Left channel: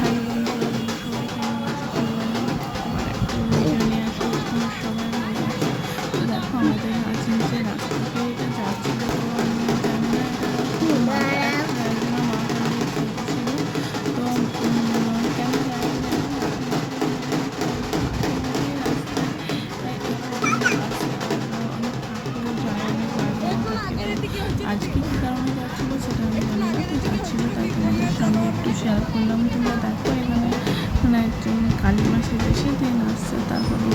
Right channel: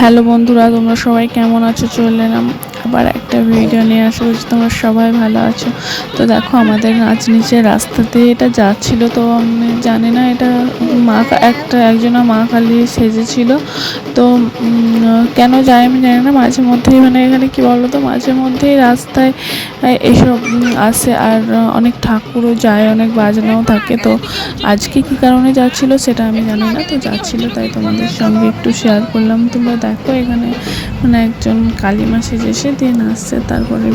হ্যালো বন্ধুরা, তোমরা সবাই কেমন আছো? চলে এলাম আবার একটা ভিডিও নিয়ে। আশা করছি তোমরা সবাই ভালো আছো। তো দেখো, আমাদের নিচে রাস্তাতে এটা যাচ্ছিল, তো আমি জানি না এটা একজনা মা কালী সেজেছিল। তো কেন যায় আমি জানি না। মাঝে মধ্যেই মানে এখানে কি বলো তো, মাঝে মধ্যেই রাস্তায় এসব আসে, আর অনেক ঠাকুরও যায়, অনেক বাজনাও থাকে। তো আজকে কি কারণে যাচ্ছিল সেটা আমি জানি না, তো যাচ্ছিল তাই তোমাদের সঙ্গে একটু শেয়ার করলাম। তোমরা দেখো, এখানে মানে একজন কালী মা সেজে এসে দিন আসছে। তারপরে